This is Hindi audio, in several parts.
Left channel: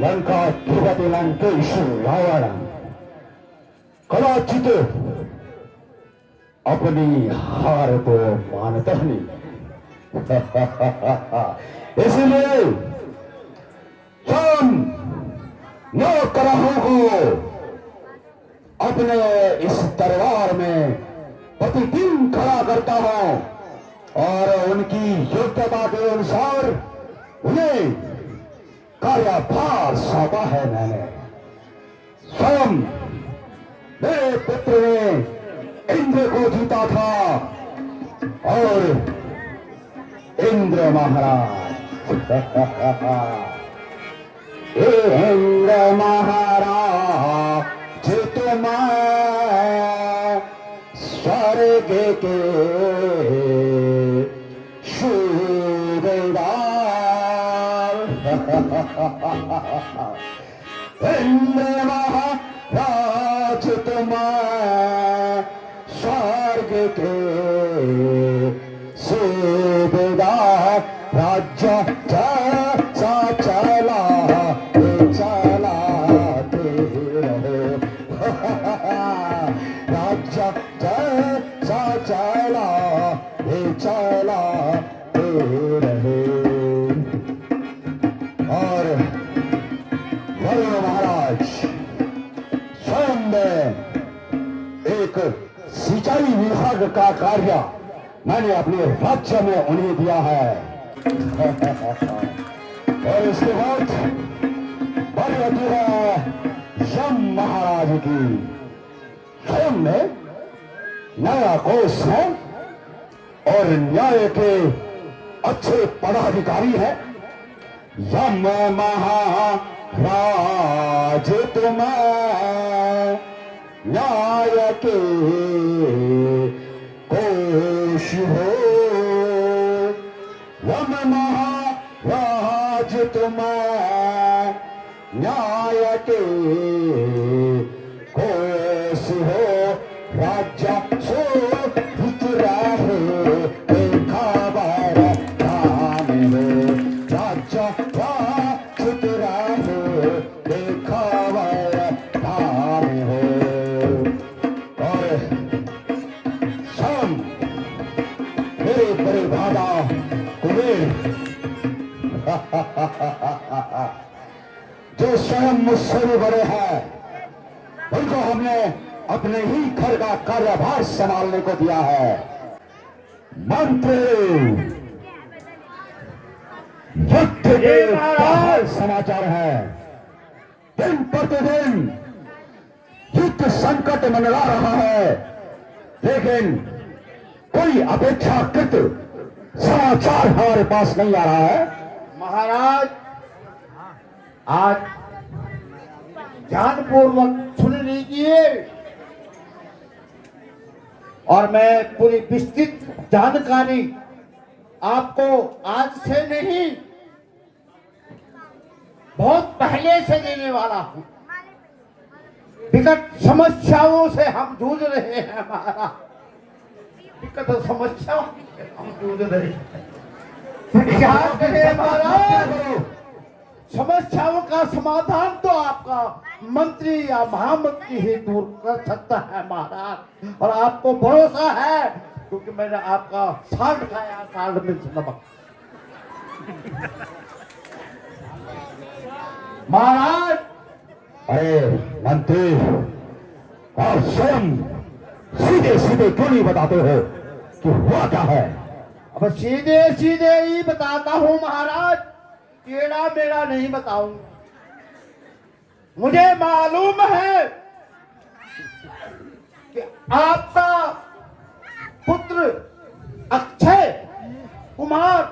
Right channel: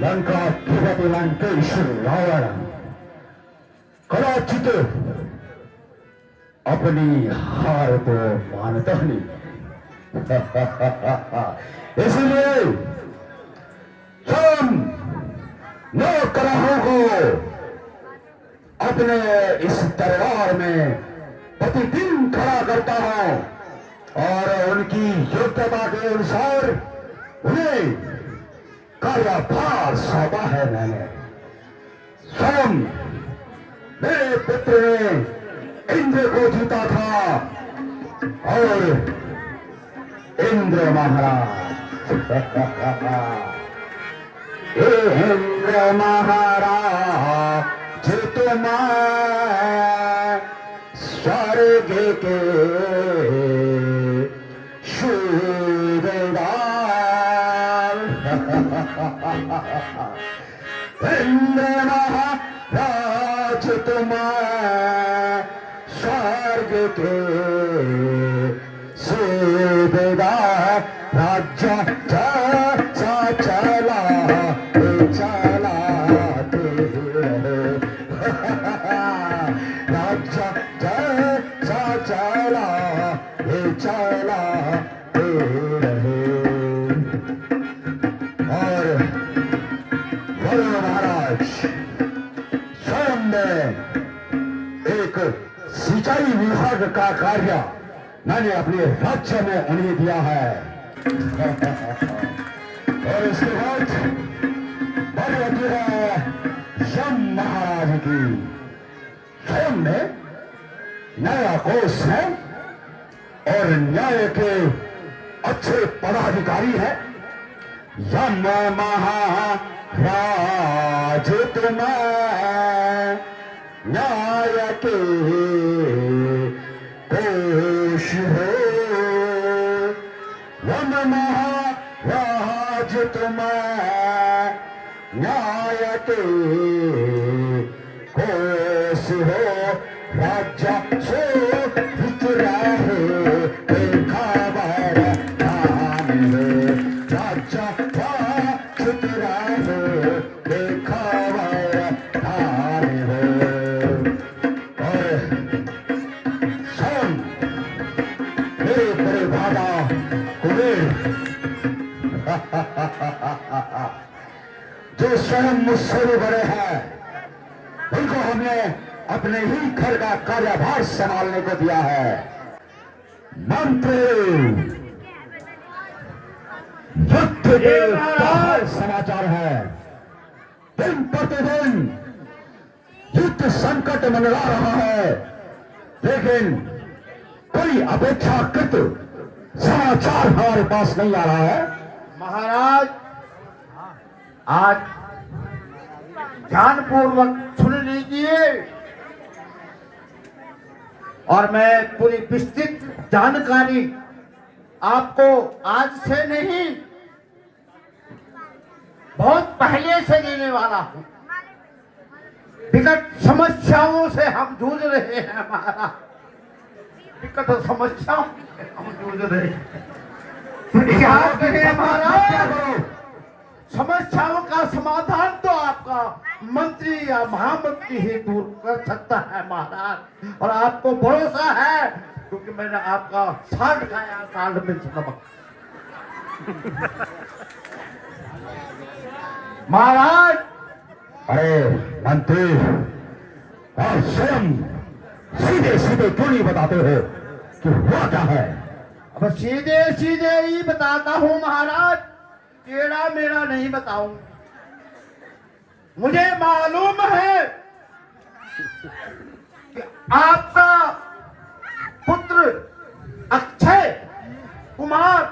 लंकाधिपति लंकेश रावण कदाचित अपनी हार को मानता नहीं। इसलिए हम नौकरों को अपने इस दरबार में प्रतिदिन खड़ा करता हूं और उनकी योग्यता के अनुसार उन्हें कार्यभार सौंपा है। मैंने स्वयं मेरे पुत्र ने इंद्र को जीता था और इंद्र महाराज इंद्र महाराज तुम स्वर्ग के सूबेदार इंद्र महाराज तुम स्वर्ग के सूबेदार राज्य जैसा चलाते रहो राज्य जैसा चलाते रहो। और महाराज स्वयं ने एक सिंचाई विभाग का कार्य मैंने अपने राज्य में उन्हें दिया है। और इसके बाद बारी आती है यम महाराज की। स्वयं में न्याय कोष है और न्याय के अच्छे पदाधिकारी हैं। यम महाराज तुम न्याय के कोष हो। यम महाराज तुम न्याय के कोष हो। राज्य सो हित रहे खबर धाम हो। राज्य हित रहे खबर धाम हो। और स्वयं मेरे बड़े दादा कुबेर जो स्वयं मुझसे भी बड़े हैं उनको हमने अपने ही घर का कार्यभार संभालने को दिया है। मंत्री युद्ध के क्या समाचार है। दिन प्रतिदिन युद्ध संकट मंडरा रहा है लेकिन कोई अपेक्षाकृत समाचार हमारे पास नहीं आ रहा है। महाराज आज ध्यानपूर्वक सुन लीजिए और मैं पूरी विस्तृत जानकारी आपको आज से नहीं बहुत पहले से देने वाला हूं। विकट समस्याओं से हम जूझ रहे हैं महाराज। विकट समस्याओं से हम जूझ रहे हैं। याद रहे महाराज समस्याओं का समाधान तो आपका मंत्री या महामंत्री ही दूर कर सकता है महाराज। और आपको भरोसा है क्योंकि मैंने आपका साथ खाया कांड में नमक। महाराज अरे मंत्री आप स्वयं सीधे सीधे क्यों नहीं बताते हो कि हुआ क्या है। अब सीधे सीधे ही बताता हूं महाराज। टेढ़ा मेरा नहीं बताऊंगा। मुझे मालूम है कि आपका पुत्र अक्षय कुमार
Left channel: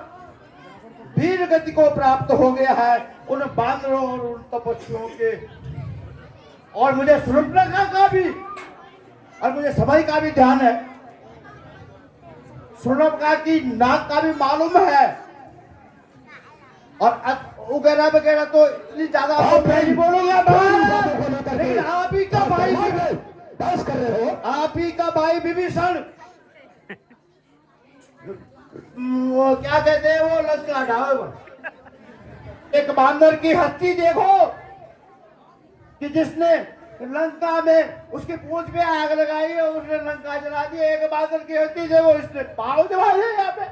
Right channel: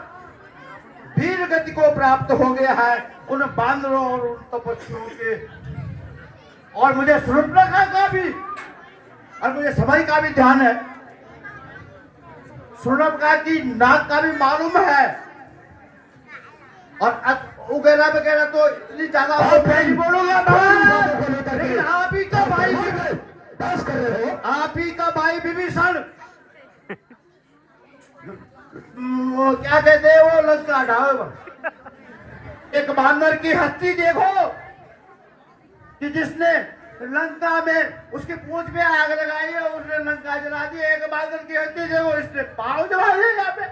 वीर गति को प्राप्त हो गया है उन बांदरों और उन तपस्वियों के। और मुझे सुरक्षा का भी और मुझे समय का भी ध्यान है। सुरक्षा की नाक का भी मालूम है और वगैरह वगैरह तो इतनी ज्यादा नहीं बोलूंगा। लेकिन आप ही का भाई बस कर रहे हो। आप ही का भाई विभीषण वो क्या कहते हैं वो लंका ढाल एक बांदर की हस्ती देखो कि जिसने लंका में उसकी पूंछ में आग लगाई और उसने लंका जला दी। एक बांदर की हस्ती देखो, इसने पाव जला दिए यहाँ पे।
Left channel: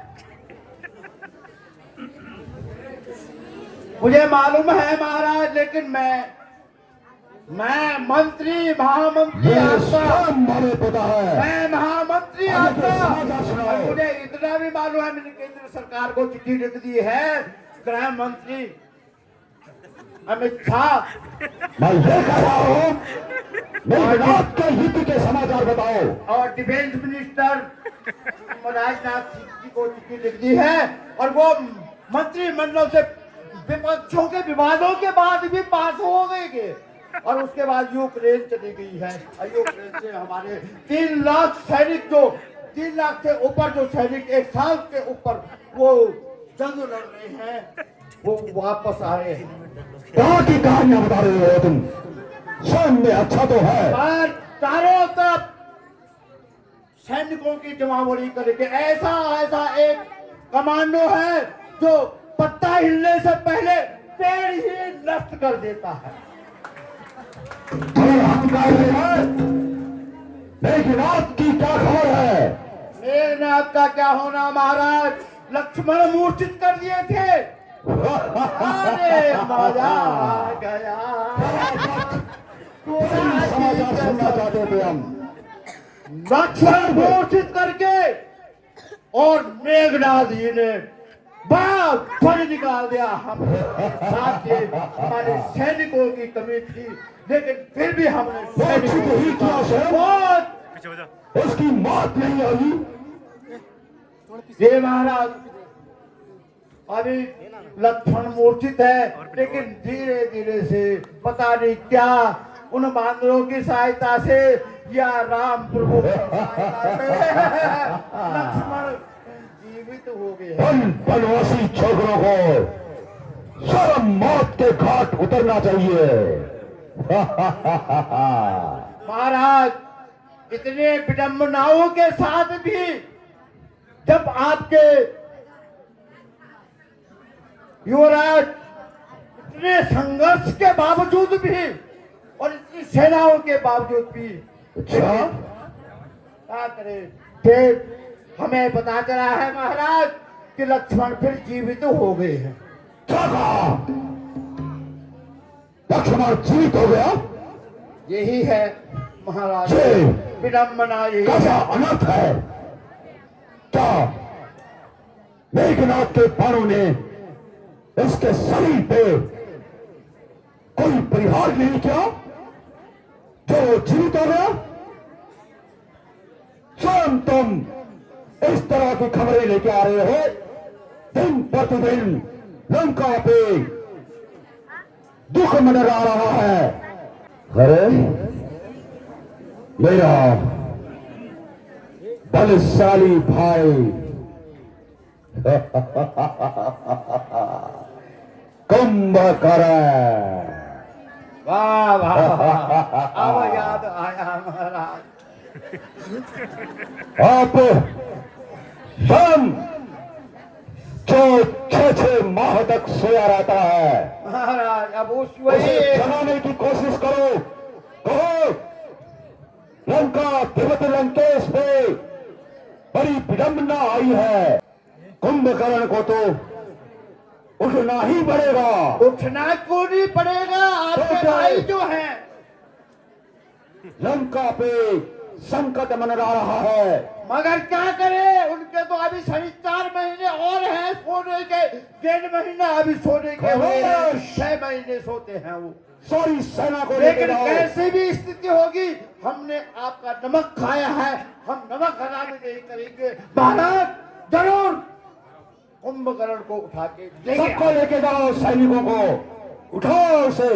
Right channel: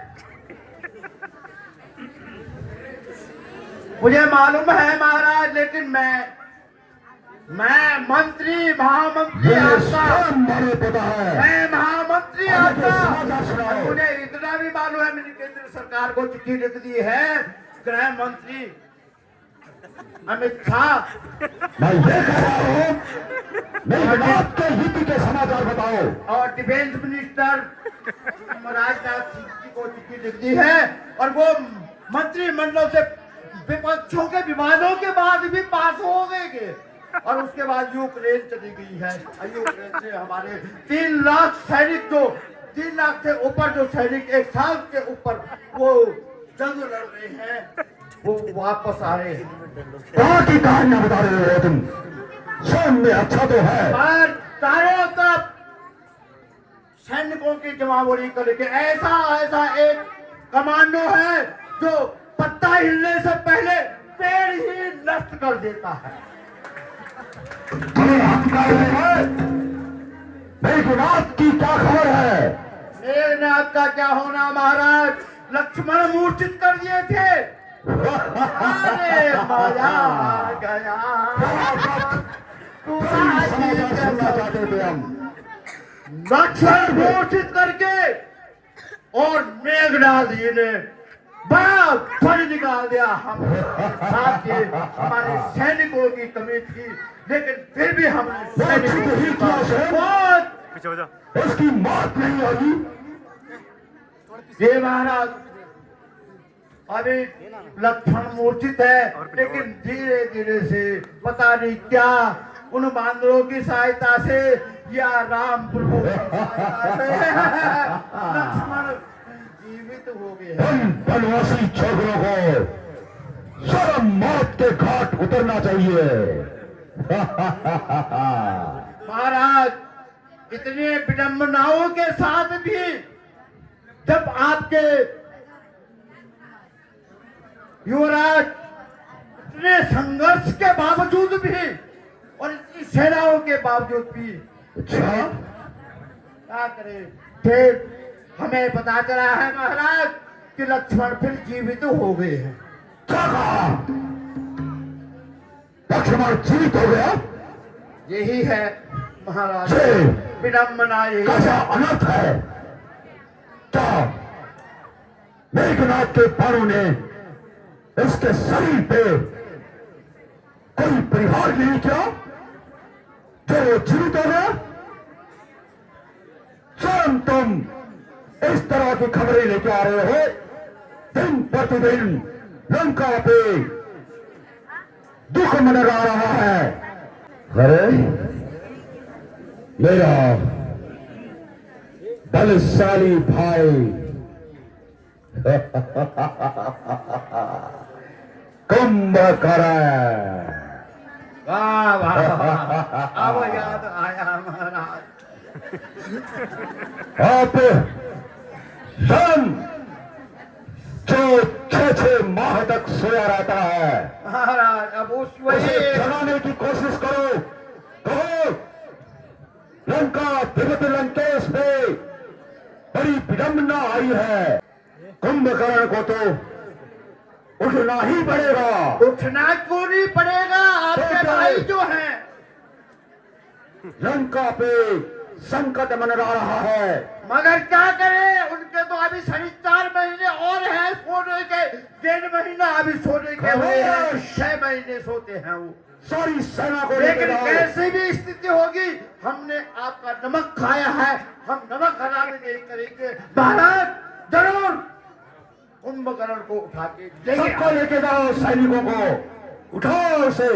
मुझे मालूम है महाराज, लेकिन मैं मंत्री महामंत्री ये आपका, स्वयं बड़े पता है। मैं महामंत्री आगे आपका। समाचार सुनाओ। मुझे इतना भी मालूम है, मैंने केंद्र सरकार को चिट्ठी लिख दी है। गृह मंत्री अमित शाह, मैं ये कह रहा हूँ, मेघनाथ के युद्ध के समाचार बताओ। और डिफेंस मिनिस्टर राजनाथ सिंह जी को चिट्ठी लिख दी है, और वो मंत्रिमंडल से विपक्षों के विवादों के बाद भी पास हो गए। और उसके बाद यूक्रेन चली गई है, और यूक्रेन से हमारे 3 लाख सैनिक, जो 3 लाख से ऊपर जो सैनिक एक साल के ऊपर वो जंग लड़ रहे हैं, वो वापस आ रहे हैं। कहाँ की कहानियां बता रहे हो तुम? स्वयं में अच्छा तो है, और चारों तरफ सैनिकों की जमावड़ी करके ऐसा एक कमांडो है जो पत्ता हिलने से पहले पेड़ ही नष्ट कर देता है। तो हम कह रहे हैं, मेघनाथ की क्या खबर है? मेघनाथ का क्या होना महाराज, लक्ष्मण मूर्छित कर दिए थे। अरे मजा आ गया। समाचार सुनना चाहते थे हम। लक्ष्मण मूर्छित करके और मेघनाथ जी ने बाप फल निकाल दिया। हम साथ ये हमारे सैनिकों की कमी थी, लेकिन फिर भी हमने सैनिकों ही किया बहुत पीछे हो जा। उसकी मौत नहीं होगी। ये महाराज अभी लक्ष्मण मूर्छित है, लेकिन धीरे धीरे से पता नहीं क्या उन बांदरों की सहायता से या राम प्रभु की सहायता से लक्ष्मण जीवित हो गए। उन बनवासी छोकरों को शर्म मौत के घाट उतरना चाहिए। महाराज इतने विडंबनाओं के साथ भी जब आपके युवराज इतने संघर्ष के बावजूद भी और इतनी सेनाओं के बावजूद भी क्या करे, फिर हमें पता चला है महाराज कि लक्ष्मण फिर जीवित हो गए हैं। क्या कहा? लक्ष्मण जीवित हो गया? यही है महाराज जी। विडंबना, यही कैसा है। अनर्थ है? क्या मेघनाथ के बाणों ने इसके शरीर पे कोई परिहार नहीं किया जो वो जीवित हो गया? स्वयं तुम इस तरह की खबरें लेके आ रहे हो, दिन प्रतिदिन लंका पे दुख मनरा रहा है। अरे मेरा बलशाली भाई कुंभकर्ण। वाह वाह वाह, अब याद आया महाराज। आप स्वयं जो 6 माह तक सोया रहता है, महाराज अब उस उसे वही जगाने की कोशिश करो। कहो लंका तिब्बत लंकेश पे बड़ी विडंबना आई है, कुंभकर्ण को तो उठना ही पड़ेगा। उठना क्यों नहीं पड़ेगा, आपके तो भाई जो हैं। लंका पे संकट मनरा रहा है, मगर क्या करे, उनके तो अभी 4.5 महीने और हैं सोने के, 1.5 महीना अभी सोने के हुए हैं, 6 महीने सोते हैं वो। सारी सेना को लेकिन जाओ। कैसी भी स्थिति होगी, हमने आपका नमक खाया है, हम नमक हराम नहीं करेंगे। महाराज जरूर कुंभकर्ण को उठा के सबको लेके जाओ, सैनिकों को उठाओ उसे।